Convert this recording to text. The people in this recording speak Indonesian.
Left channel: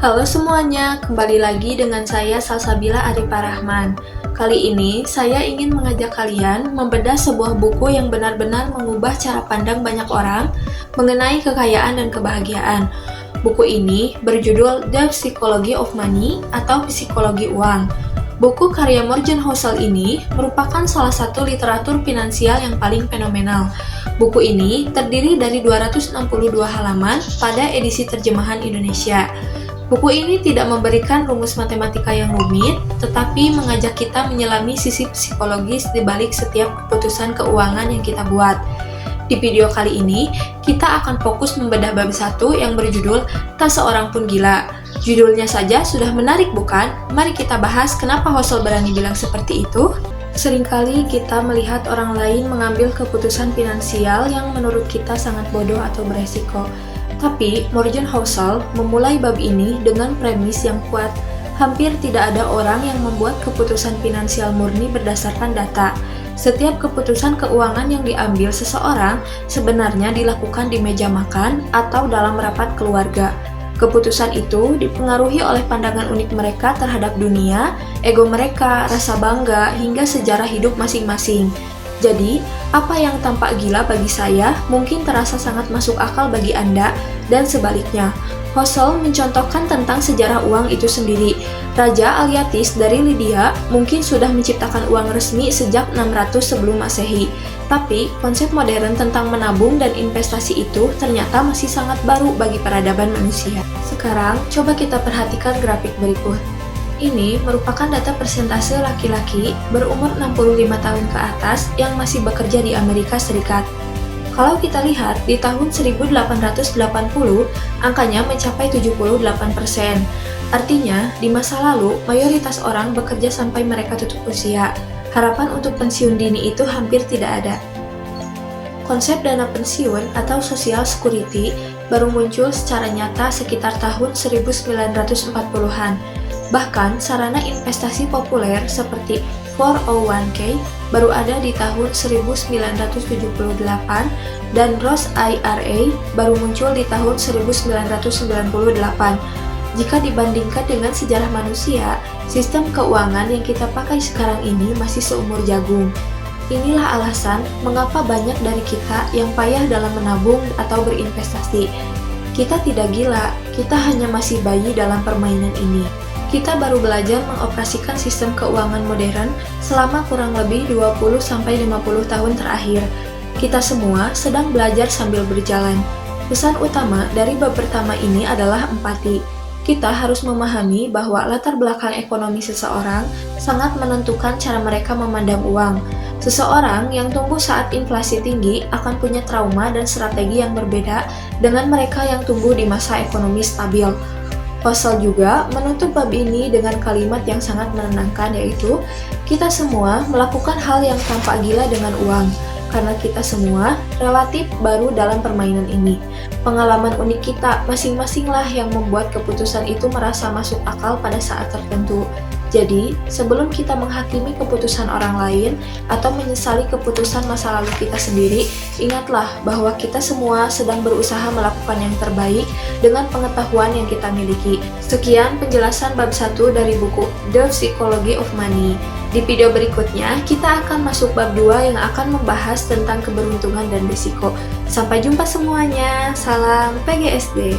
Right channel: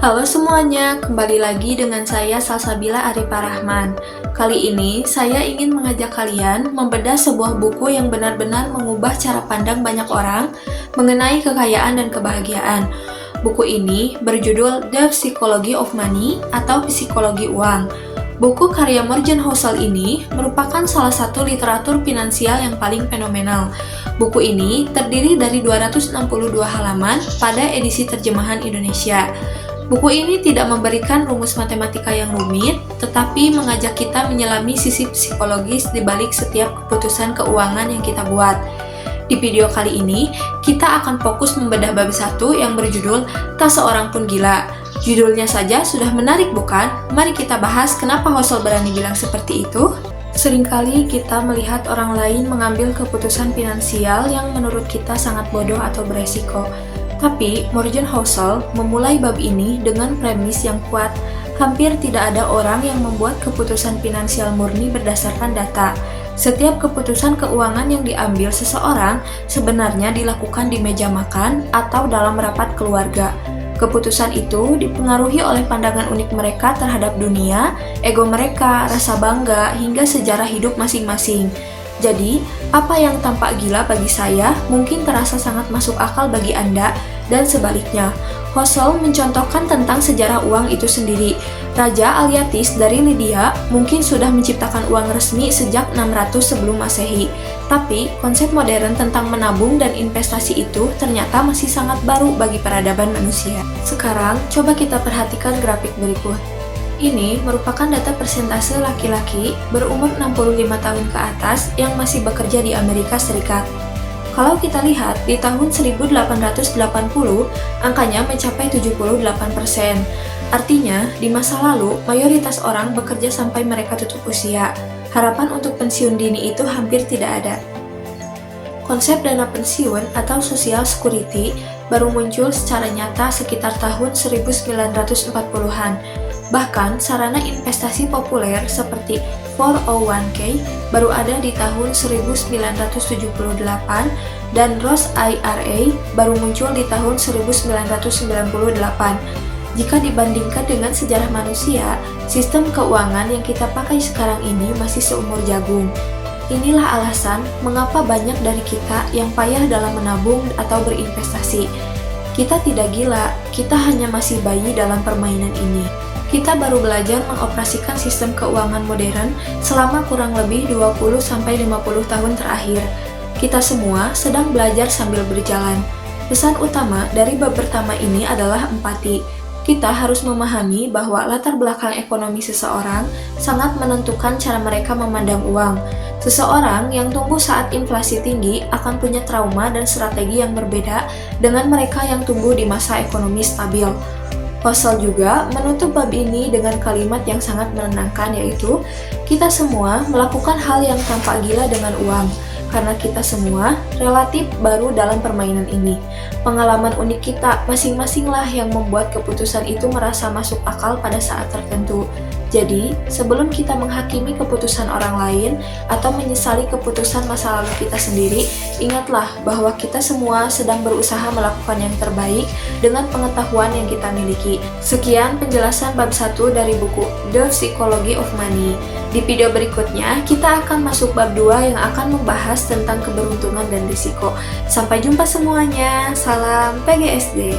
Halo semuanya, kembali lagi dengan saya Salsabila Arifah Rahman. Kali ini saya ingin mengajak kalian membedah sebuah buku yang benar-benar mengubah cara pandang banyak orang mengenai kekayaan dan kebahagiaan. Buku ini berjudul The Psychology of Money atau Psikologi Uang. Buku karya Morgan Housel ini merupakan salah satu literatur finansial yang paling fenomenal. Buku ini terdiri dari 262 halaman pada edisi terjemahan Indonesia. Buku ini tidak memberikan rumus matematika yang rumit, tetapi mengajak kita menyelami sisi psikologis di balik setiap keputusan keuangan yang kita buat. Di video kali ini, kita akan fokus membedah bab 1 yang berjudul Tak Seorang Pun Gila. Judulnya saja sudah menarik bukan? Mari kita bahas kenapa Housel berani bilang seperti itu. Seringkali kita melihat orang lain mengambil keputusan finansial yang menurut kita sangat bodoh atau beresiko. Tapi, Morgan Housel memulai bab ini dengan premis yang kuat. Hampir tidak ada orang yang membuat keputusan finansial murni berdasarkan data. Setiap keputusan keuangan yang diambil seseorang sebenarnya dilakukan di meja makan atau dalam rapat keluarga. Keputusan itu dipengaruhi oleh pandangan unik mereka terhadap dunia, ego mereka, rasa bangga, hingga sejarah hidup masing-masing. Jadi, apa yang tampak gila bagi saya mungkin terasa sangat masuk akal bagi Anda, dan sebaliknya. Housel mencontohkan tentang sejarah uang itu sendiri. Raja Alyatis dari Lydia mungkin sudah menciptakan uang resmi sejak 600 sebelum Masehi. Tapi, konsep modern tentang menabung dan investasi itu ternyata masih sangat baru bagi peradaban manusia. Sekarang, coba kita perhatikan grafik berikut. Ini merupakan data persentase laki-laki berumur 65 tahun ke atas yang masih bekerja di Amerika Serikat. Kalau kita lihat, di tahun 1880, angkanya mencapai 78%. Artinya, di masa lalu, mayoritas orang bekerja sampai mereka tutup usia. Harapan untuk pensiun dini itu hampir tidak ada. Konsep dana pensiun atau social security baru muncul secara nyata sekitar tahun 1940-an. Bahkan, sarana investasi populer seperti 401k baru ada di tahun 1978 dan Roth IRA baru muncul di tahun 1998. Jika dibandingkan dengan sejarah manusia, sistem keuangan yang kita pakai sekarang ini masih seumur jagung. Inilah alasan mengapa banyak dari kita yang payah dalam menabung atau berinvestasi. Kita tidak gila, kita hanya masih bayi dalam permainan ini. Kita baru belajar mengoperasikan sistem keuangan modern selama kurang lebih 20-50 tahun terakhir. Kita semua sedang belajar sambil berjalan. Pesan utama dari bab pertama ini adalah empati. Kita harus memahami bahwa latar belakang ekonomi seseorang sangat menentukan cara mereka memandang uang. Seseorang yang tumbuh saat inflasi tinggi akan punya trauma dan strategi yang berbeda dengan mereka yang tumbuh di masa ekonomi stabil. Housel juga menutup bab ini dengan kalimat yang sangat menenangkan, yaitu kita semua melakukan hal yang tampak gila dengan uang, karena kita semua relatif baru dalam permainan ini. Pengalaman unik kita masing-masinglah yang membuat keputusan itu merasa masuk akal pada saat tertentu. Jadi, sebelum kita menghakimi keputusan orang lain atau menyesali keputusan masa lalu kita sendiri, ingatlah bahwa kita semua sedang berusaha melakukan yang terbaik dengan pengetahuan yang kita miliki. Sekian penjelasan bab 1 dari buku The Psychology of Money. Di video berikutnya, kita akan masuk bab 2 yang akan membahas tentang keberuntungan dan risiko. Sampai jumpa semuanya, salam PGSD.